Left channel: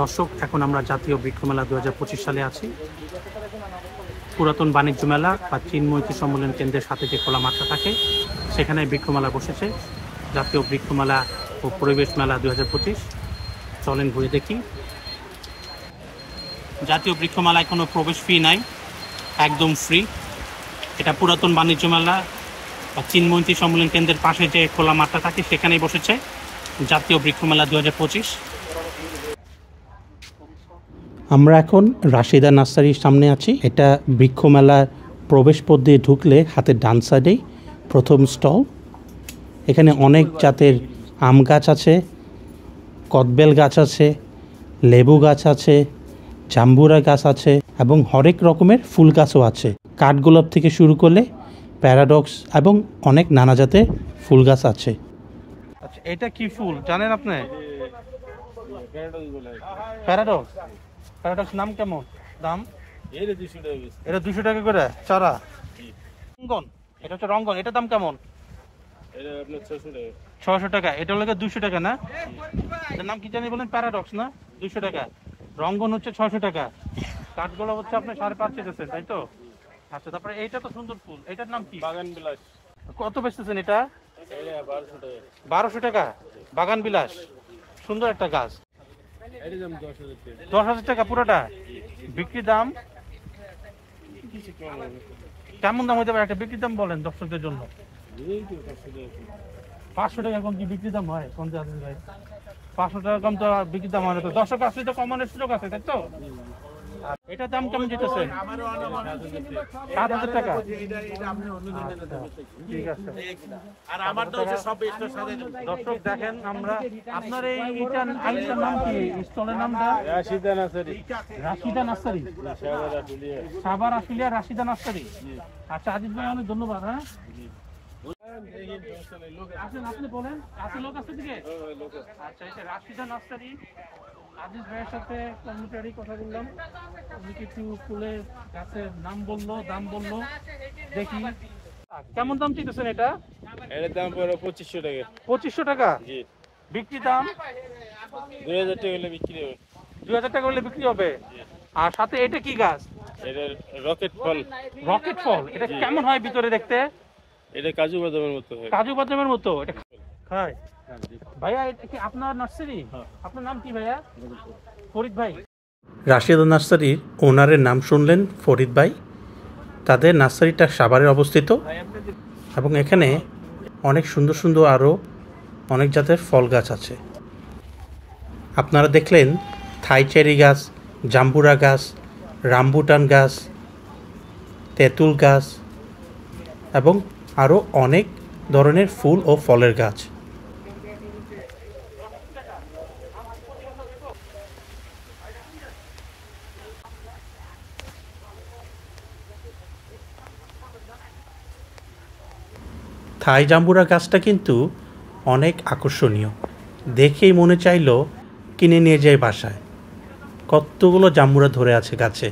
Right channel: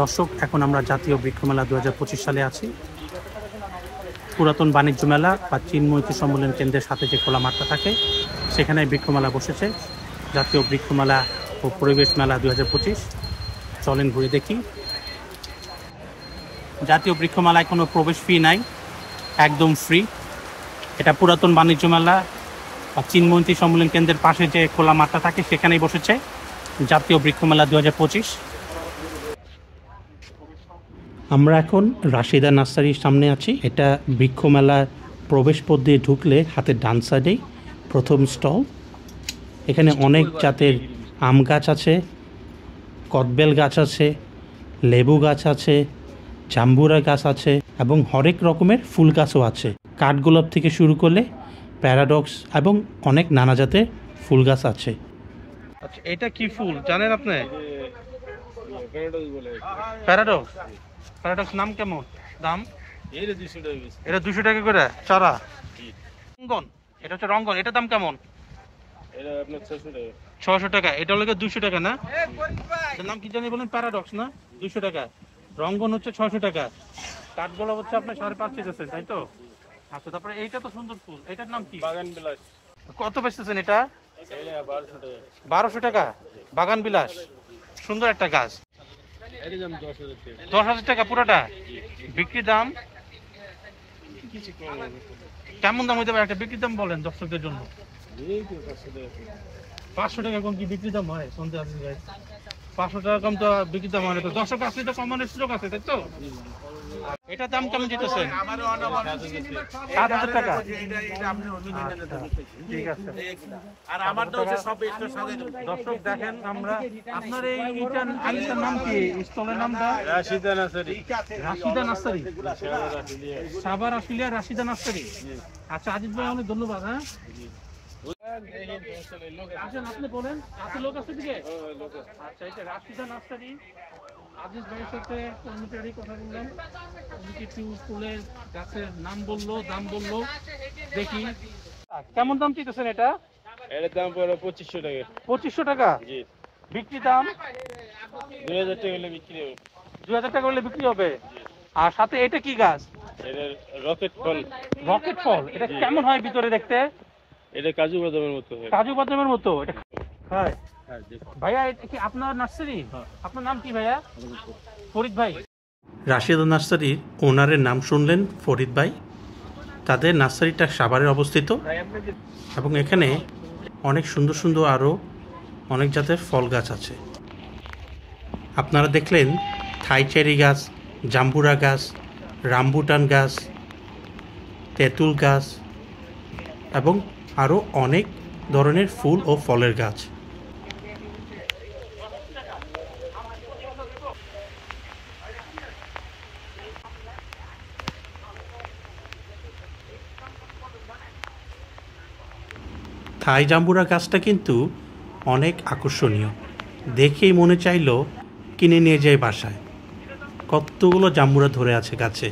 দর্শক, এখন আমরা জাতীয় বৃক্ষমেলা 2025 সালে আছি। পুরাতন বাণিজ্য মেলা বা চিনমৈত্রী সম্মেলন কেন্দ্রের সাথে যে খোলা মাঠটা থাকে সেখানে বৃক্ষমেলা বসেছে। জাতীয় বৃক্ষমেলা ও পরিবেশ মেলা 2025। চলেন ঘুরে দেখি। জাতীয় বৃক্ষমেলায় কোনো প্রবেশ ফি নাই, একদম ফ্রি। এটা পুরাতন বাণিজ্য মেলা বা চিনমৈত্রী সম্মেলন কেন্দ্রের পাশে যে খোলা মাঠটা থাকে সেখানেই বসেছে জাতীয় বৃক্ষমেলা 2025। আমরা এখন রাশিদা নার্সারির সামনে আছি। এটা বৃক্ষমেলার প্রবেশ পথ দিয়ে ঢুকলে হাতের ডান সাইডেই প্রথম স্টল। এখানে অনেক জাতের আম গাছ আছে, কদবেল গাছ আছে, লেবু গাছ আছে, জাম্বুরা গাছ আছে এবং হরেক রকমের ফুল গাছও আছে। কাঠগোলাপ থেকে শুরু করলে প্যারাডক্স এবং অনেক নানা জাতের ফুল গাছ আছে। আচ্ছা, এটা কি ফুল জানেন আপনি? প্যারাডক্স। প্যারাডক্স নাম কেমন? দাম? এটা 200 টাকা করে চারা। রঙ্গন, এটা হচ্ছে রঙ্গন। এটার দাম কেমন? এটা আপনার 600 টাকা। এটা হলো 200 টাকা না? এটার নাম কি জানি বলেন? প্যারাডক্স না? 200 টাকা। রঙ্গন হচ্ছে 600 টাকা। কাঠগোলাপ হচ্ছে আপনার 550 দিতেছেন, তাই তো? আচ্ছা, তারপরে এইটা তো সুন্দর ফুল, এটার নাম কি? বাগান বিলাস। কত বেচতেছেন এটা? 1200 টাকা। 1200 টাকা। বাগান বিলাস, সুন্দর একটা গাছ। 10,000 টাকা পুরোটা। বিক্রি দাম কেমন দাম হতে পারে? একটা বিক্রি দাম বলেন দর্শকদের জন্য। 500 টাকা কম কি বিক্রি দাম হয়? 500 টাকা কম তো বিক্রি দাম হয় না। তো দর্শক আসলে তো কমানোর সুযোগ আছে, তাই তো? এটার দাম কেমন যেতেছেন? 7,000 টাকা। ঠিক আছে। আর আমার দর্শক দেখেন, আমরা আপনার এই নাম কি? স্টলের নামটা Rashida nursery. Rashida nursery, Savar Ashulia Rashida nursery. আচ্ছা আজিজ ভাই, অনেক ধন্যবাদ। হ্যাঁ, আসেন, আপনি বলেন। আছে লোক আছে দিকে? আচ্ছা, এটা রাশিদা নার্সারি। আজিজ ভাইয়ের সাথে কর্মচারী কথা বললাম, কিছু ফুলের গাছের নাম বললো, দাম বললো। দেখি কেমন দাম চাইতেছেন এটা? এটার দাম পড়ে 2500 টাকা। 2500 টাকা। জি। বিক্রি দাম 2000 টাকা হলে বিক্রি হবে। 2000 টাকা হলে বিক্রি হবে। আর সাথে এটা কি গাছ? এটা রকেট ফল। রকেট ফল। এটা কেমন হয় ভিতরে দেখতে? এটা কাজু বাদামের মতো হয়। কাজু বাদামের মতো এটা খায়। ভাইয়া, এটা কি আপনার নার্সারি? আপনার নাম কি ভাইয়া? ফরিদ ভাই। রাশিদা নার্সারির ওনারের নাম শুনলেন, ফরিদ ভাই। তাদের নার্সারিটা সাভারে অবস্থিত এবং এখানে অনেক সুন্দর সুন্দর আরও অনেক জাতের ফল গাছ আছে। আপনারা দেখলেন থাই চেরি গাছ, জাম্বুরা গাছ, রামবুটান গাছ, তেঁতুল গাছ এবং আরও অনেক ধরনের ফুল ও ফলের গাছ। থাই জাম্বুরা গাছটা কিন্তু অনেক আকর্ষণীয়, দেখেই মনে চাইলো কিনে নিয়ে যায় বাসায়। কতগুলো জাম্বুরা ধরে আছে গাছে।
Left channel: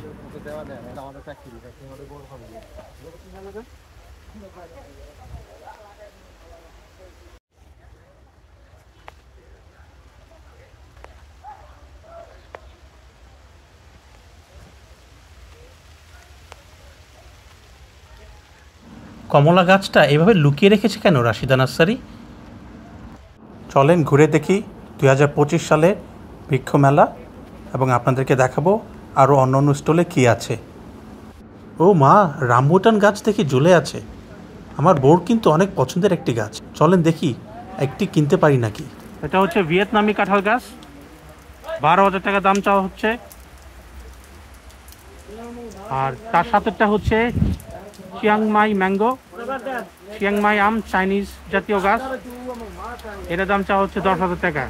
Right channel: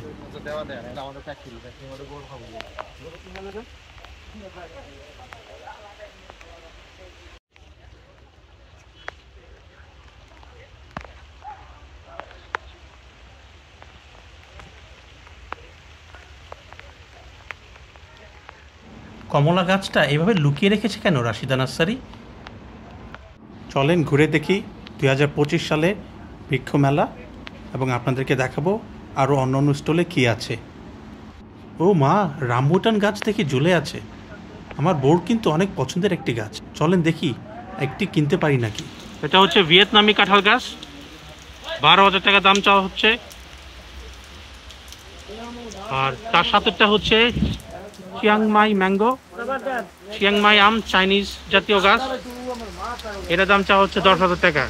কমলা গাছটা এভাবে লুকিয়ে রেখেছে কেন রাশিদা নার্সারি? চলেন ঘুরে দেখি 2025 সালে বৃক্ষমেলা এবং আপনাদেরকে দেখাবো আরও অন্য অন্য স্টলে কী আছে। ও মা, রামবুটান গাছ দেখি ঝুলে আছে। আমার বউর কিন্তু অনেক পছন্দের একটি গাছ। চলেন দেখি একটি কিনতে পারি নাকি। এটা হচ্ছে ভিয়েতনামি কাঁঠাল গাছ। 12,000 টাকা দাম চাওয়া হচ্ছে। আর তার সাথেটা হচ্ছে চিয়াংমাই ম্যাঙ্গো, চিয়াংমাই আম, চাইনিজ জাতীয় গাছ। এটার দাম চাওয়া হচ্ছে 10,000 টাকা।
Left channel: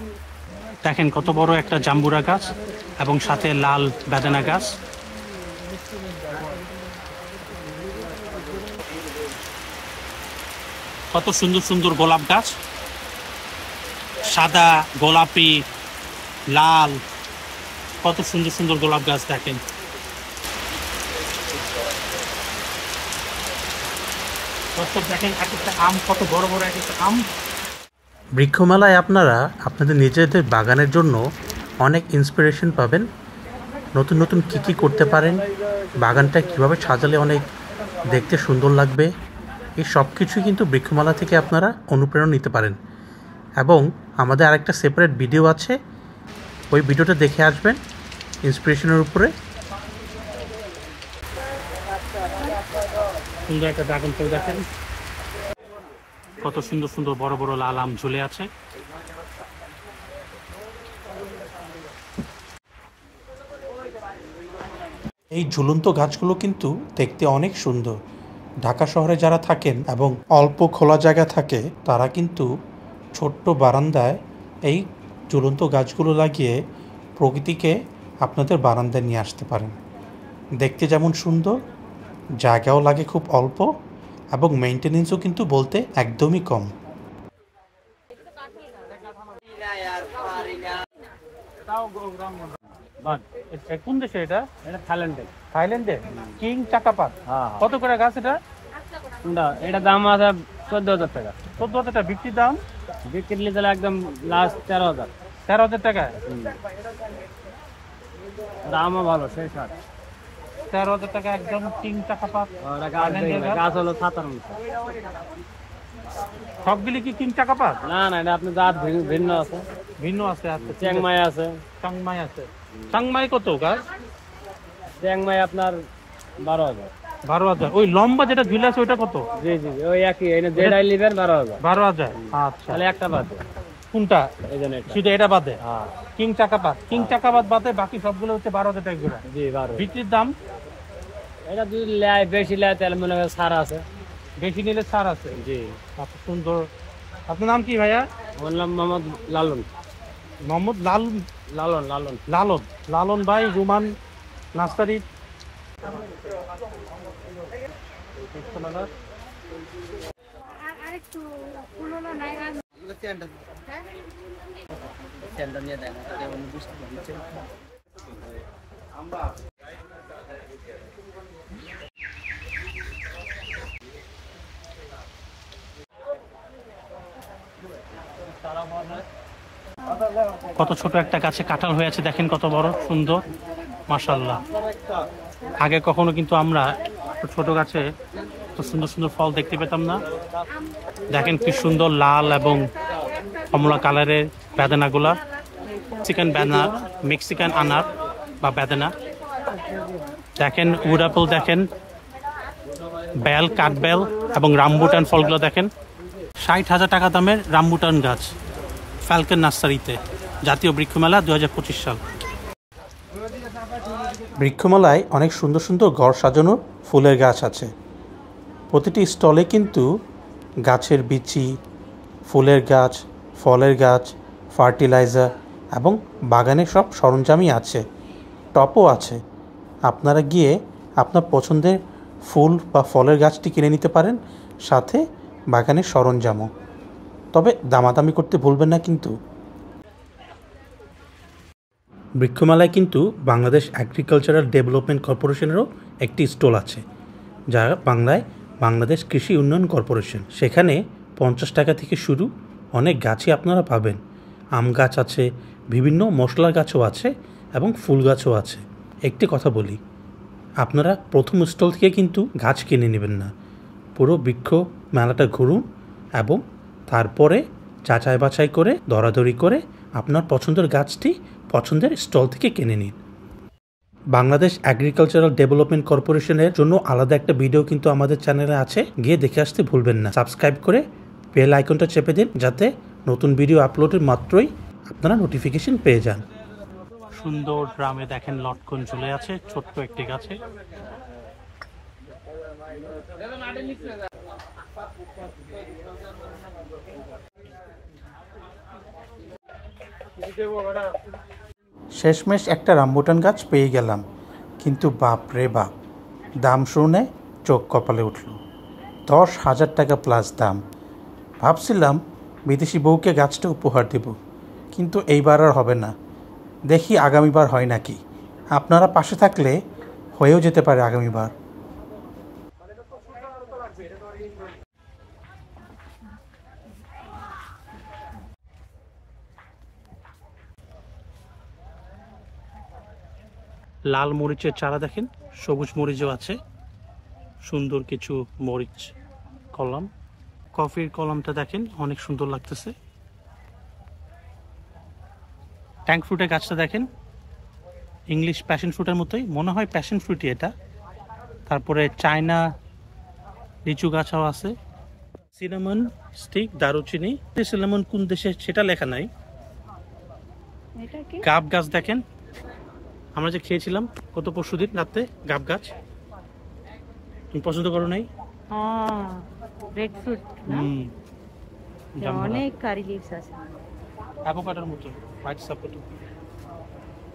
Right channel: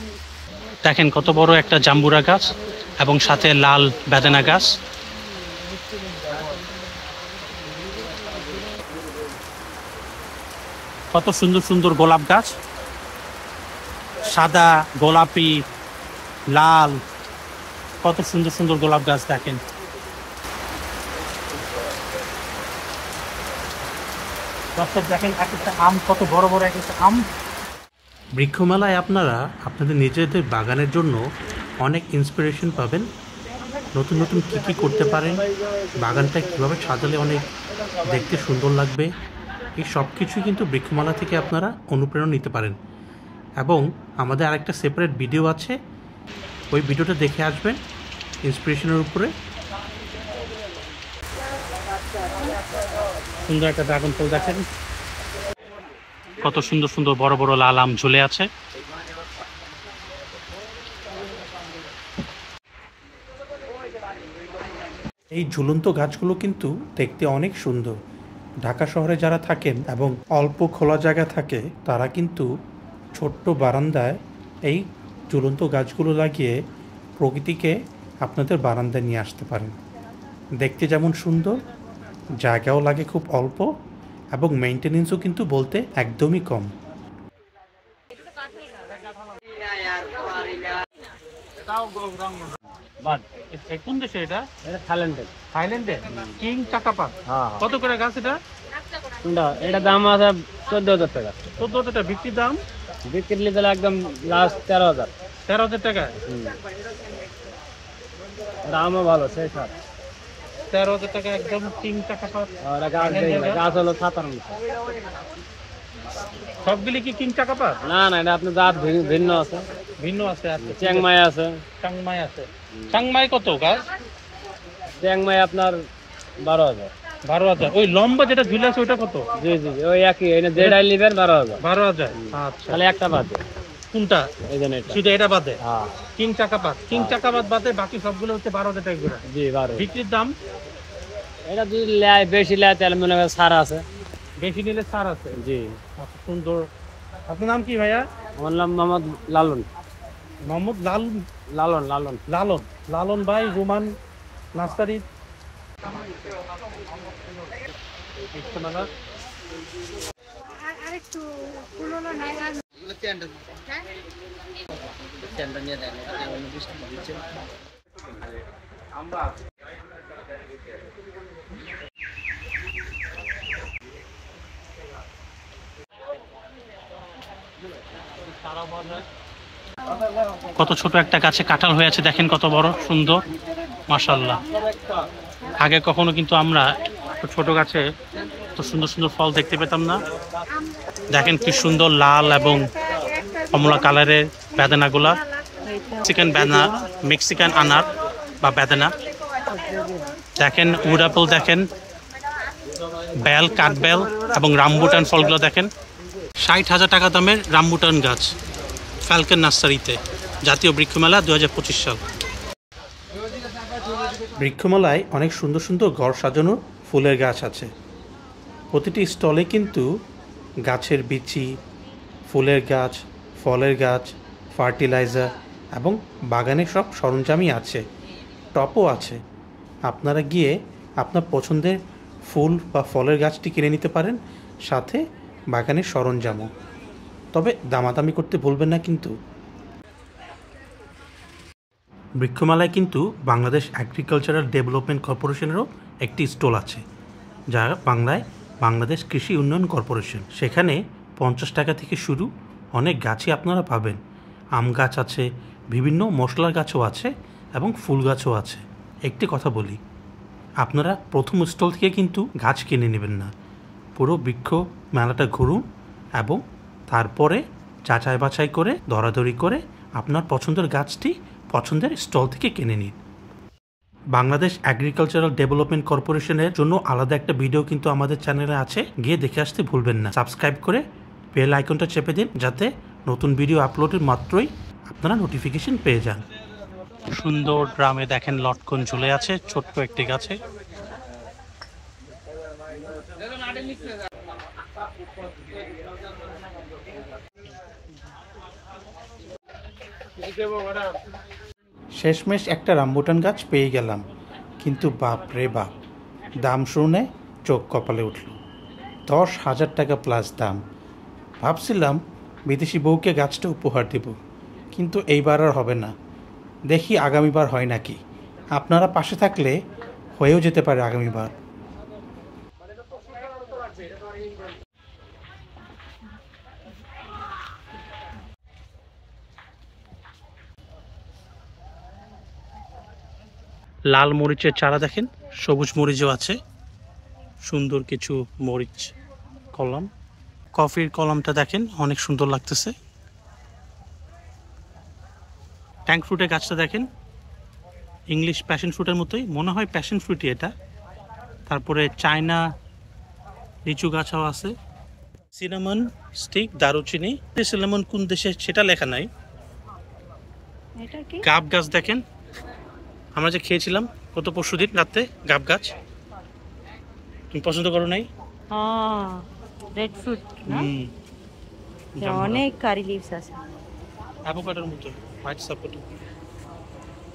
দেখেন কত বড় একটা জাম্বুরা গাছ এবং সাথে লাল বেদানা গাছ। কত সুন্দর সুন্দর গোলাপ গাছ, সাদা, গোলাপি, লাল, কত সুন্দর সুন্দর গোলাপ গাছ। দেখেন দেখেন একটা আম, কত বড় বড় একটা আম। বৃক্ষমেলায় আপনারা আপনাদের নিজেদের বাগানের জন্য অনেক ইন্সপিরেশন পাবেন, নতুন নতুন কী কী করতে পারেন, বাগানটা কীভাবে সাজালে অনেক দেখতে সুন্দর লাগবে, এই সব কিছুই কিন্তু বৃক্ষমালা থেকে আপনারা অনুপ্রেরণা নিতে পারেন। এবং আমাদের আরেকটা সেপারেট ভিডিও আছে, ওই ভিডিওটা দেখে আসবেন ইন্সপিরেশনের উপরে। সুন্দর একটা ড্রাগন ফল দেখেন, কত সুন্দর সুন্দর বড় বড় লাল আম ঝুলে আছে। এই ঝুলন্ত গাছগুলো কিন্তু দেখতে অনেক সুন্দর। ঢাকা শহরে যারা থাকেন এবং অল্প খোলা জায়গা থাকে, তারা কিন্তু ছোট্ট বারান্দায় এই ঝুলন্ত গাছগুলো লাগিয়ে প্রকৃতিকে আপনাদের বারান্দায় নিয়ে আসতে পারেন। দেখতে যেমন সুন্দর, জায়গাও লাগে খুব অল্প, এবং মেইনটেনেন্সও কিন্তু বলতে একদমই কম। কোন দেশে এটা? থাইল্যান্ডে। কিং চাকাপাত। কত করে গাছ এটা? এটা দাম আছে 14,000 টাকা। 14,000 টাকা বিক্রির দাম? বিক্রি নিতে একদম লাস্ট 13,000। 13,000 টাকা? দামও ভালো, সেই সার 13,000 টাকা একদম কিং চাকাপাত। গাছ হলো 57। সবগুলি কি কিং চাকাপাত? না না, এটা আপনার জাত ভিন্ন আছে। ভিন্ন আছে? চ্যাংমাই আছে। চাংমাই আছে। চাংমাই কত গাছ? চ্যাংমাই আপনার 12,000। 12,000। ওই লম্বা যেটা ঝুলে আছে ওইটা কত? জি জি, ওই একই। এই যেটাই নেবেন 12,000। 12,000। আচ্ছা, তাহলে একটা বাদে। কোনটা? এই জন্য এটা, শুধু এটা বাদে? হ্যাঁ, কিং চাকাপাত। কিং চাকাপাত বাদে বাকি সবগুলো হচ্ছে 12,000 টাকা করে। জি 12। বিক্রির দাম? এটা যদি লেয় বেশি লেয় তাহলে মনে হয় ছাড় আছে। বেশি নিলে ছাড় আছে? জি। সুন্দর। আপনার নাম কি ভাইয়া? আমার নাম মোহাম্মদ লালন। মোহাম্মদ লালন? লালন লালন লালন। লালন ভাই রুমান নার্সারি। আরেকটু পুরোনো নাই আর কত ছোট একটা গাছে কাঁঠাল হয়ে আছে, দেখেন কত বড় সুন্দর, মাশাআল্লাহ। আগে কখনো কিন্তু আমরা ছোট গাছে তো সুন্দর সুন্দর ফল দেখতে পেতাম না। দেখেন কি সুন্দর লাল এবং কমলা কালারের বেদানাগুলা, মেক্সিকান আনার বা বেদানা। দেখেন উড অ্যাপল, দেখেন বেল, কাঠবেল এবং রামবুটান ফলগুলো দেখেন। 60,000 টাকা দামের রামবুটান গাছ ফ্যালকন নার্সারিতে, জাতীয় বৃক্ষমেলা 2025 সাল। বৃক্ষমেলায় অনেক সুন্দর সুন্দর ঘর সাজানো ফুলের গাছ আছে। প্রতিটি স্টলে কিন্তু গাছের বিচি, ফুলের গাছ, ফলের গাছ, ফার্টিলাইজার এবং বাগানের সব সরঞ্জামই আছে, টপও আছে। আপনারা গিয়ে আপনার পছন্দের ফুল বা ফলের গাছটি কিনে নিতে পারেন, সাথে বাগানের সরঞ্জামও। তবে দামাদামি করতে ভুলবেন না কিন্তু। বৃক্ষমেলায় কিন্তু বাংলাদেশ এগ্রিকালচারাল ডেভেলপমেন্ট কর্পোরেশনেরও একটি স্টল আছে, যা বাংলায় বাংলাদেশ কৃষি উন্নয়ন কর্পোরেশন। সেখানে 50 টাকা থেকে শুরু অনেক গাছই আপনারা পাবেন। আম গাছ আছে, বিভিন্ন মশলার গাছও আছে এবং ফুল গাছও আছে। একটি কথা বলি, আপনারা প্রথম স্টল থেকে কিন্তু গাছ কিনে নেবেন না, পুরো বৃক্ষ মেলাটা ঘুরুন এবং তারপরে যাচাই বাছাই করে দরাদরি করে আপনার পছন্দের গাছটি পছন্দের স্টল থেকে কিনে নিন। বাংলাদেশ এগ্রিকালচারাল ডেভেলপমেন্ট কর্পোরেশনের জন্য আলাদা একটা ভিডিও কিন্তু আমাদের চ্যানেলে আছে, গিয়ে দেখে আসতে ভুলবেন না। সাবস্ক্রাইব করে বেল আইকনটা চেপে দিন, যাতে নতুন ভিডিও আপলোডের মাত্রই আপনারা নোটিফিকেশন পেয়ে যান। সুন্দর ড্রামে দেখেন লটকন ঝুলে আছে ছোট্ট একটি গাছে। শেষমেশ একটা রামবুটান গাছ পেয়ে গেলাম, কিন্তু বাপ রে বাপ, দাম শুনে চোখ কপালে উঠল। 10,000 টাকা প্লাস দাম। ভাবছিলাম বিদেশি বউকে গাছটা উপহার দেব, কিন্তু এইবার আর হবে না। দেখি আগামীবার হয় নাকি। আপনারা পাশে থাকলে হয়েও যেতে পারে আগামীবার। লাল মরিচের চারা দেখেন, সবুজ মরিচও আছে, সুন্দর কিছু মরিচ কলম। কফির কলমটা দেখেন অনেক সুন্দর লাগতেছে। ট্যাঙ্ক ফ্রুটের গাছটা দেখেন, ইংলিশ প্যাশন ফ্রুটের মতোই মনে হয়, প্যাশন ফ্রুটই এটা। তারপরে চায়না লিচু গাছও আছে। সিনামন স্টিক, দারুচিনি। সিনামন কোন দেশে সেটা লেখা নাই। এটা কি? গাব গাছ দেখেন, আমরা যে খেয়েছিলাম গত পরশুদিন রাতে, গাব গাছ। তুমি পছন্দ করো নাই? হ্যাঁ, রেড ফ্রুট না? অনেক কারি লিভস আছে। অ্যাভোকাডোর মতো, white sapote.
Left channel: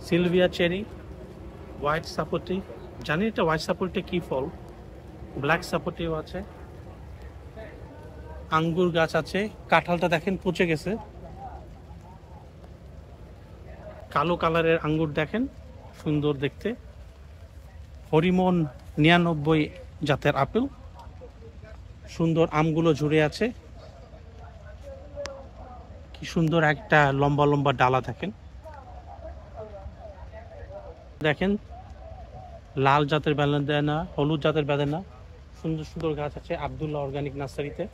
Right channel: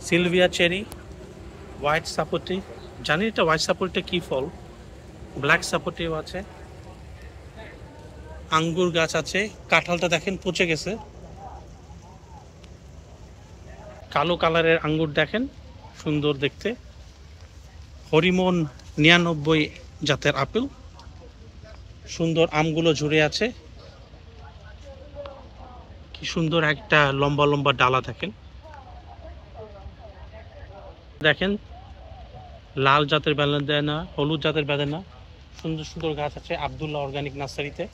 Sylvia cherry, white sapote. জানি এটা হোয়াইট সাপোর্টটা কি ফল। ব্ল্যাক সাপোর্টিও আছে। আঙ্গুর গাছ আছে। কাঁঠালটা দেখেন পচে গেছে। কালো কালারের আঙ্গুর দেখেন, সুন্দর দেখতে। হরিমন 99 জাতের আপেল। সুন্দর আমগুলো ঝুরে আছে। কি সুন্দর একটা লম্বা লম্বা ডালা দেখেন। দেখেন লাল জাতের বেদানা, হলুদ জাতের বেদানা, সুন্দর সুন্দর গাছ আছে আব্দুল্লাহ অর্গানিক নার্সারিতে।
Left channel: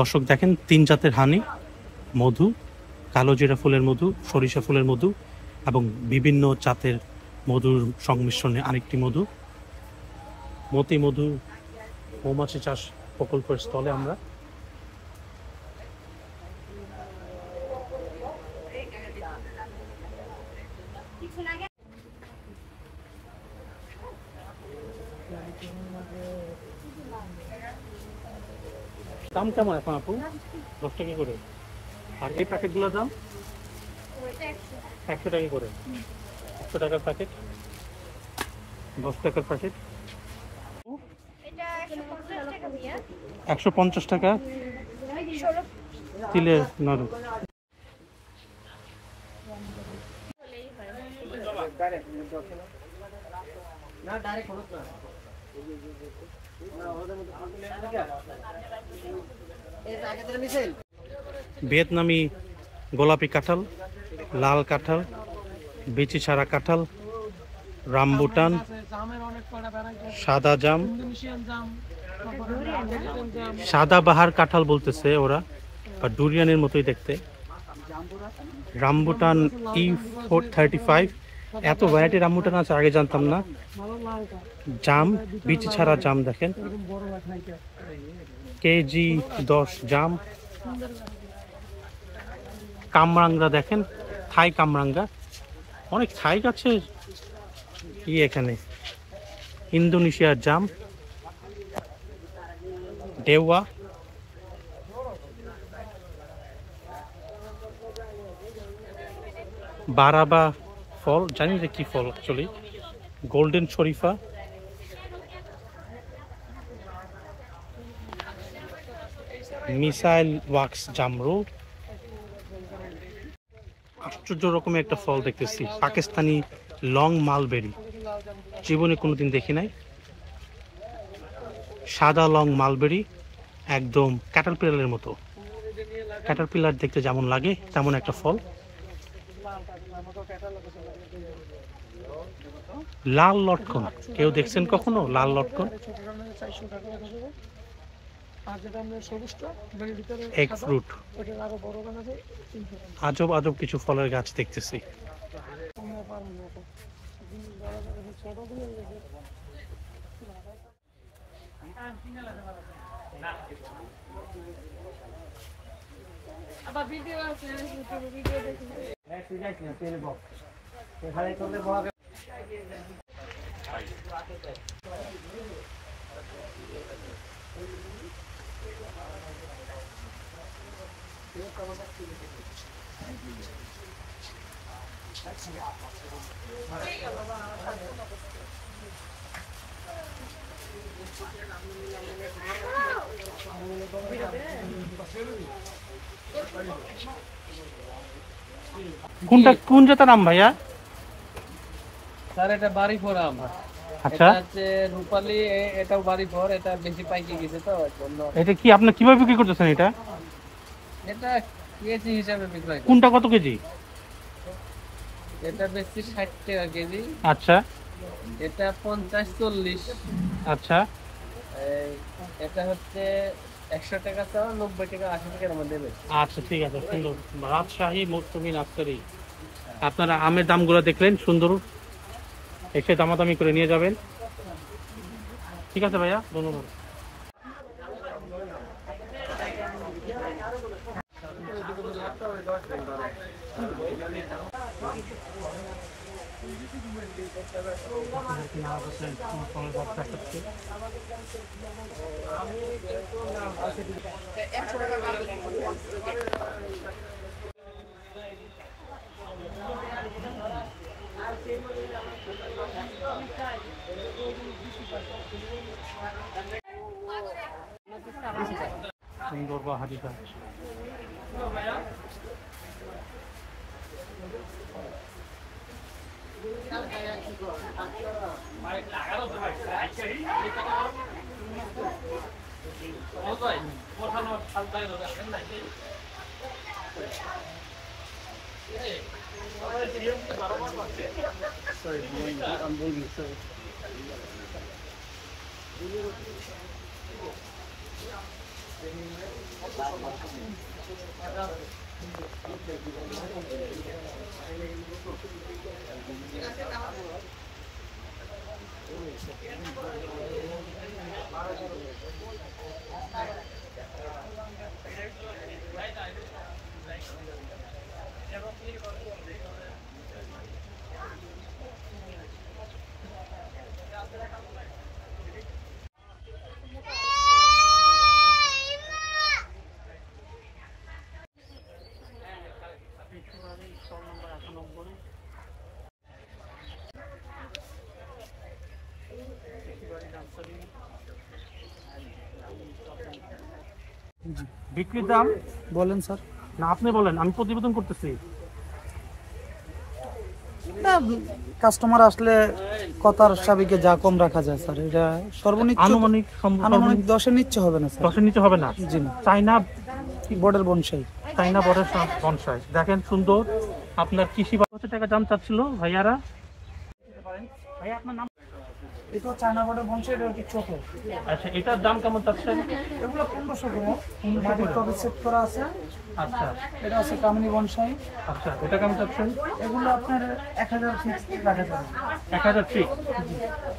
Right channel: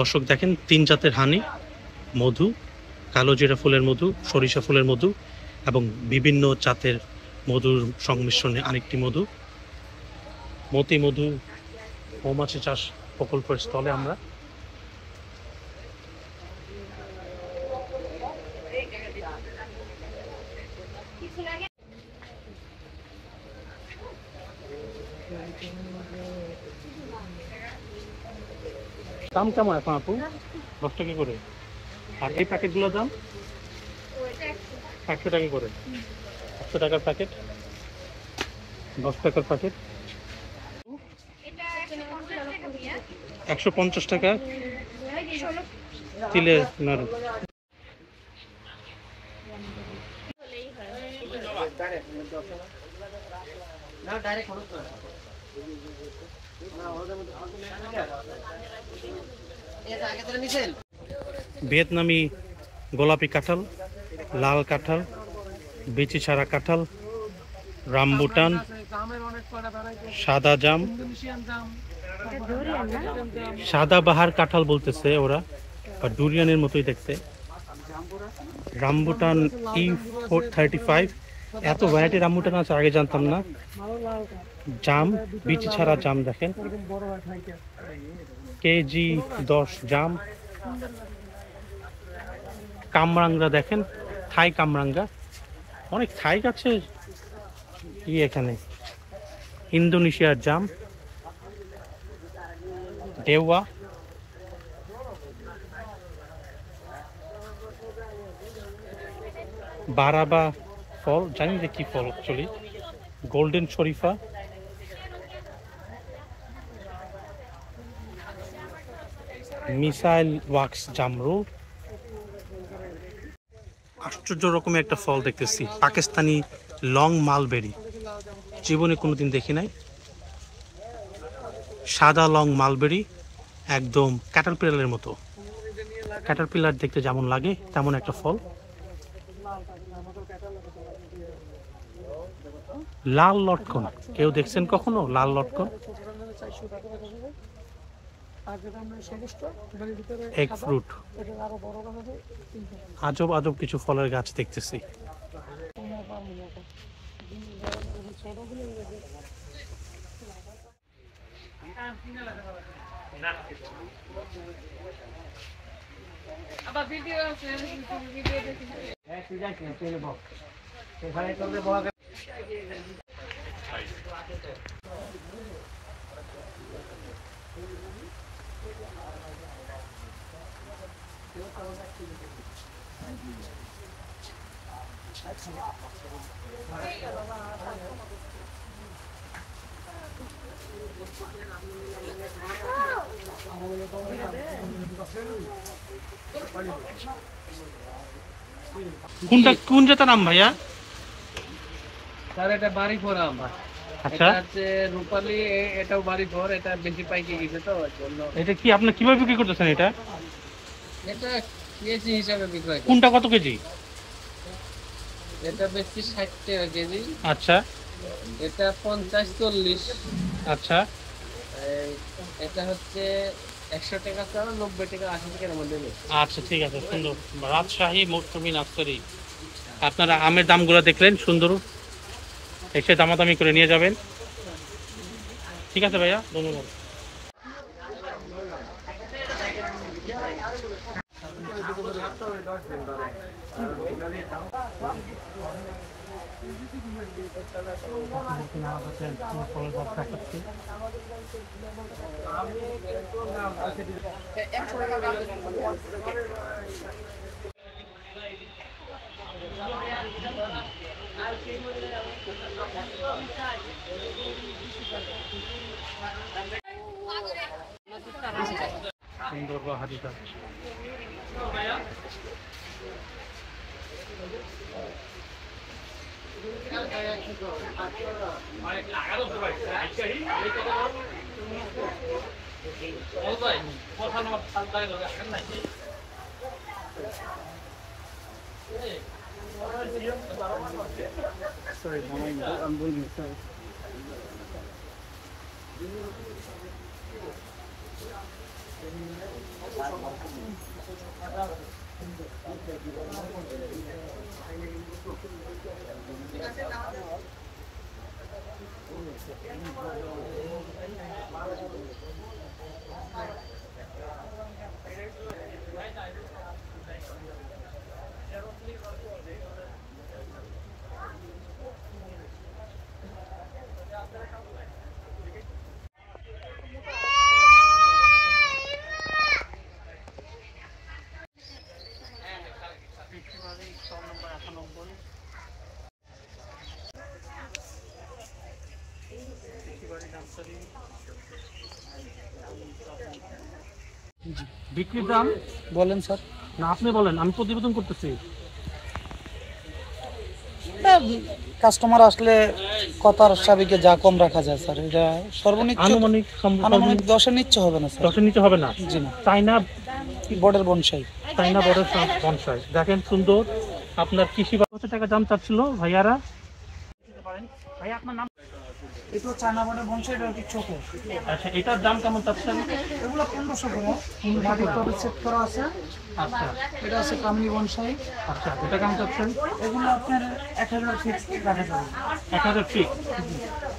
দর্শক দেখেন 3 জাতের হানি, মধু, কালো জিরা ফুলের মধু, সরিষা ফুলের মধু এবং বিভিন্ন জাতের মধুর সংমিশ্রণে আরেকটি মধু। মতি মধু মৌমাছি চাষ প্রকল্পের স্থলে আমরা। দাম কেমন এখন আপু? 10 টাকা করে। আর এই প্যাকেটগুলোর দাম 100 টাকা করে। 100 টাকার প্যাকেট, 10 টাকার প্যাকেট। 150 টাকা তিলের নাড়ু। ভিয়েতনামি গোলাপি কাঁঠাল, লাল কাঁঠাল, বিচি ছাড়া কাঁঠাল, রামবুটান, সাদা জাম, সাদা বাহার কাঁঠাল বলতেছে ওরা, বা ডুরিয়ানের মতোই দেখতে। রামবুটান E35, এত ভ্যারাইটি রামবুটান আছে আগে জানতাম না। জাম, বিচি ছাড়া জাম দেখেন, কেজি 10 জাম। কামরাঙ্গা দেখেন, থাই কামরাঙ্গা, অনেক থাই গাছের এখানে। ইন্দোনেশিয়ার জাম, দেওয়া, বারাবা ফল, জানি যে কি ফল অ্যাকচুয়ালি। গোল্ডেন শরীফা, মিসাইল ওয়াক্স জামরু। আশ্চর্য রকমের একটা ফল দেখতেছি, পাকিস্তানি লং মালবেরি, জীবনে কোনোদিন দেখি নাই। সাদা লং মালবেরি, একদম ক্যাটারপিলারের মতো। ক্যাটারপিলার দেখতে যেমন লাগে তেমন একটা ফল। লাল লটকন, কেউ দেখছেন কখনো লাল লটকন? Egg fruit. আজব আজব কিছু ফলের গাছ দেখতেছি। কোন জাতের আম ভাইয়া? স্যার এটা বাড়ি ফোরাম। আচ্ছা, এটা হচ্ছে রূপালী, এটাও বাড়ি ফোর, এটা বেশি পাইকে গেছে তো ওই জন্য। এটা কি আপনি কিভাবে বিক্রি করতেছেন এটা? এটা কেজি হিসাবে বিক্রয় করি। কোনটা কত কেজি? এটা বেশি 60 টাকা কেজি, আচ্ছা এটা 50-40। আচ্ছা, এটা হচ্ছে 100 টাকা চাও, 90 টাকা 80 টাকার মধ্যে দেবে। আচ্ছা ঠিক আছে, সুন্দর। রাজশাহী মৌসুমী নার্সারি। আপনারা আমের দামগুলো দেখলেন, সুন্দর, এসে দামাদামি করে নিয়ে যাবেন। ঠিক আছে ভাইয়া, ধন্যবাদ। সুন্দর বাহারি গাছ। বিক্রির দাম বলেন স্যার। না আপনি বলেন, আমি প্রতিবেদন করতেছি। কাস্টমার আসলে কথার সাবিকে যা কম রাখা যায় স্যার, এটা সর্বনিচ্চ আনুমানিক আনুমানিক 10-এর নিচে হবে না স্যার। 10-এর নিচে হবে না? জি না। চাইনা বোর্ডের বনসাই। চাইনা বড়ের বনসাই দেখেন, সুন্দর। আপনার কৃষি কত টাকা দাম চাচ্ছিল ভাইয়ারা? ভাই আপনার নাম? এটা চায়না বোর্ডের বনসাই, এটা কি ছোট। আচ্ছা, এটার দাম কেমন চাচ্ছেন? এগুলো 1500 করে মাটির টবে সেট করা আছে। আচ্ছা এটা আছে কামিনী বনসাই। আচ্ছা, এটা কেমন চাচ্ছেন? এগুলো আপনার 1000 ফিক্স রাখা যাবে। 1000 ফিট।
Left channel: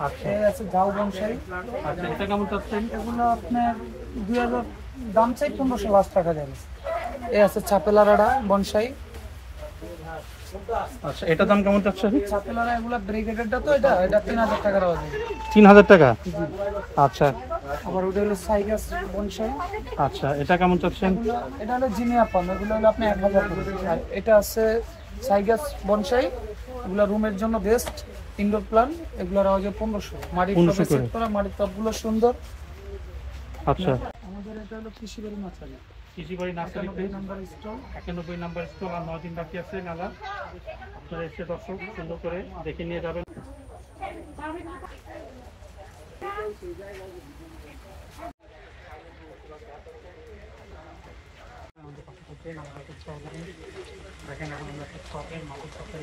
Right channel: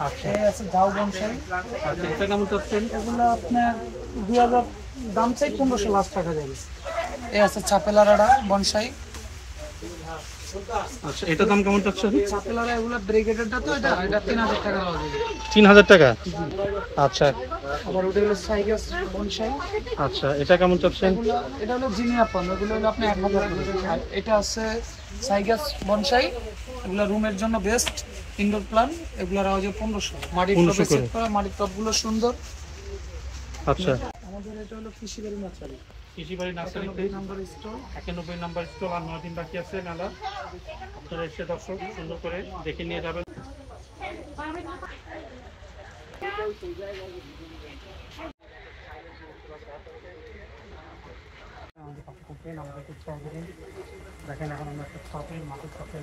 আচ্ছা এই আছে গাও বনসাই। আচ্ছা, এটা কেমন চাচ্ছেন? এগুলো আপনার 2000 দাম চাই, 1500 লাস্ট টাকা যাবে। এই আছে চাপেলারাডা বনসাই। আচ্ছা, এটার দাম কেমন চাচ্ছেন? চাপেলারা এগুলো ব্রিগেডেরটা তো, এটা 3000 টাকা দেওয়া যাবে। 3000 টাকা। আচ্ছা ওটা হলো সাইগাস বনসাই। আচ্ছা, এটা কেমন চাচ্ছেন? এটা হলো জিনিয়া পান, এগুলো হলো আপনি 1000 টাকা। এটা আছে সাইগাস বনসাই, এগুলো রুমের জন্য বেস্ট ইনডোর প্ল্যান্ট। এগুলোর আওয়াজে 1500। মাটির টবে সেট করা, মাটির টবগুলো সুন্দর। আচ্ছা, আমাদের এটা হলো কৃষিবাড়ি নার্সারি। কৃষিবাড়ি নার্সারিতে 91 নাম্বার স্টল। 91 number stall. আর 9 দিন বাকি আছে মেলা। আপনারা এসে দর্শক সুন্দর করে দেখে নিয়ে যাবেন। দেখেন এখন আমরা একটা ছাপে মাটির ছাপে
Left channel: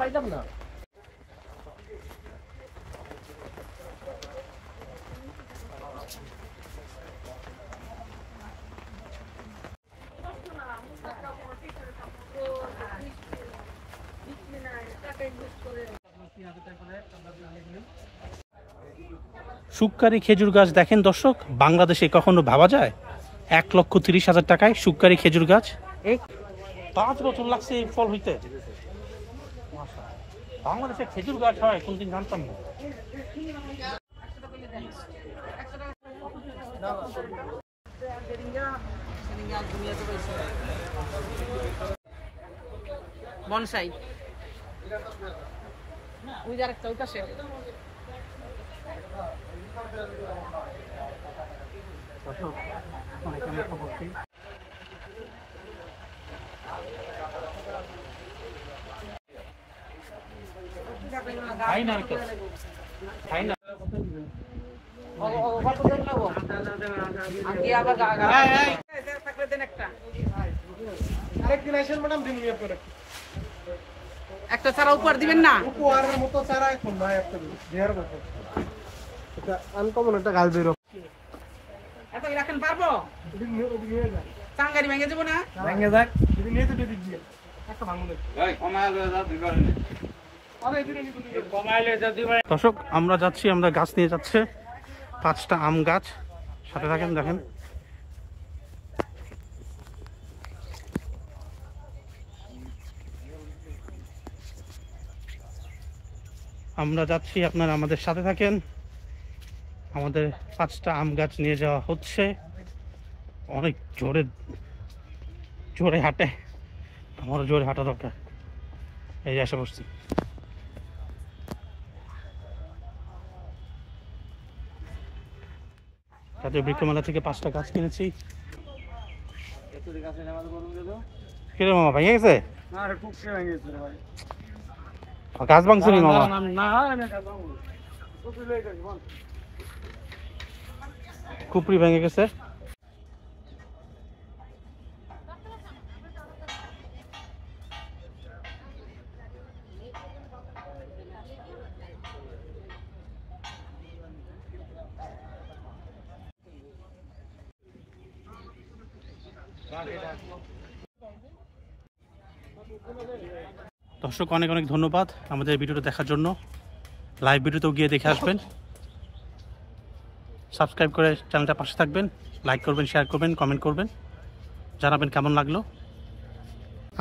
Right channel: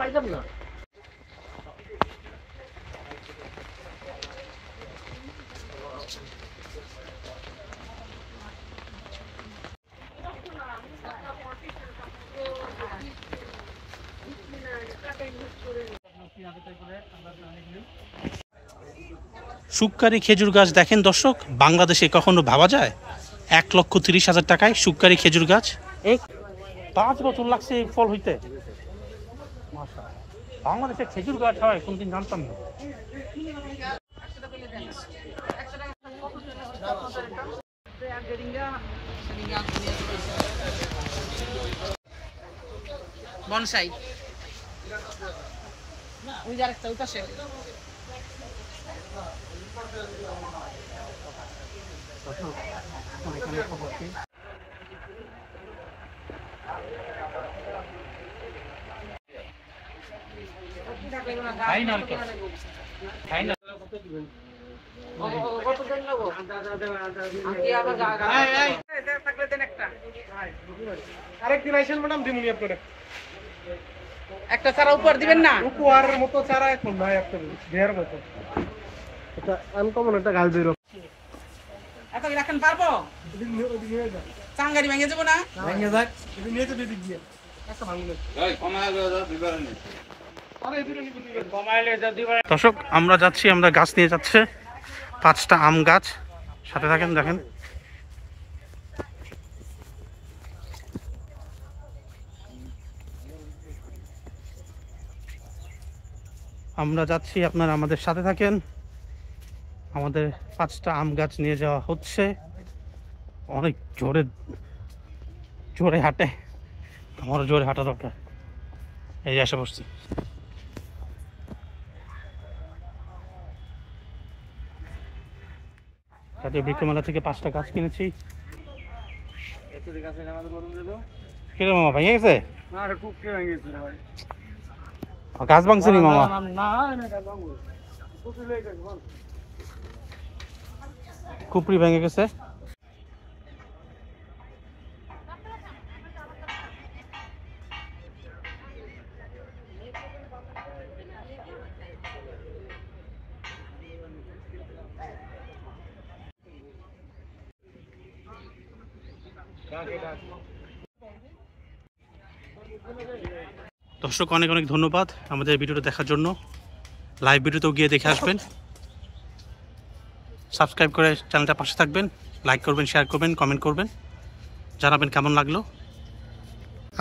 পাইতাম না। শুককারি খেজুর গাছ দেখেন দর্শক, বাংলাদেশে কখনো ভাবা যায় 1,30,000 টাকায় শুককারি খেজুর গাছ? 5 বছর লাগছে এই ফল হইতে। বাংলাদেশে খেজুর গাছ হয় কোনদিন জানতাম না। বনসাই। ওই যে আরেকটা ওই পাশে। একটা চারা উপহার দিবেন না? উপহারের মতো চারা এখন ভাই একটা দেওয়ার মতো আনকমন একটা গাছ বেরো এত রাখেন পারবো? চাঙ্গারি ভেঙে যাবো না? ভেঙে যাক যদি নিয়ে তো দিদি গিয়ে একটা ভালো দর্শক আমরা যাচ্ছি, আমরা গাছ নিয়ে যাচ্ছে 5টা আম গাছ, সাথে থাকেন দেখেন। আমরা যাচ্ছি, আপনারা আমাদের সাথে থাকেন। আমাদের 5টা আম গাছ নিয়ে যাওয়া হচ্ছে। অনেক জোরে জোরে হাঁটে, আমারও জোরে হাঁটা দরকার। এই যে এসে বসছি। জাতীয় বৃক্ষমেলা থেকে 5টা গাছ কিনেছি। কিরে মামা, ভেঙে গেছে? গাছ ভাঙছে নি মামা? খুপড়ি ভেঙে গেছে। দর্শক অনেক অনেক ধন্যবাদ আমাদের ভিডিওটা দেখার জন্য। লাইভ ভিডিওতেও গিয়ে দেখে আসবেন। সাবস্ক্রাইব করে চ্যানেলটা পাশে থাকবেন, লাইক করবেন, শেয়ার করবেন, কমেন্ট করবেন, জানাবেন কেমন লাগলো।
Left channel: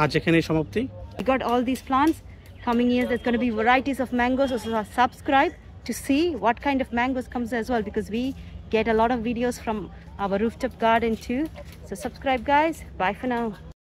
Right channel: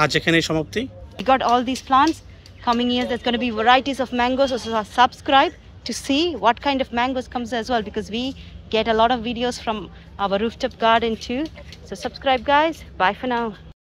আজ এখানেই সমাপ্তি। We got all these plants. Coming years there's going to be varieties of mangoes, so subscribe to see what kind of mangoes comes as well, because we get a lot of videos from our rooftop garden too. So subscribe guys. Bye for now.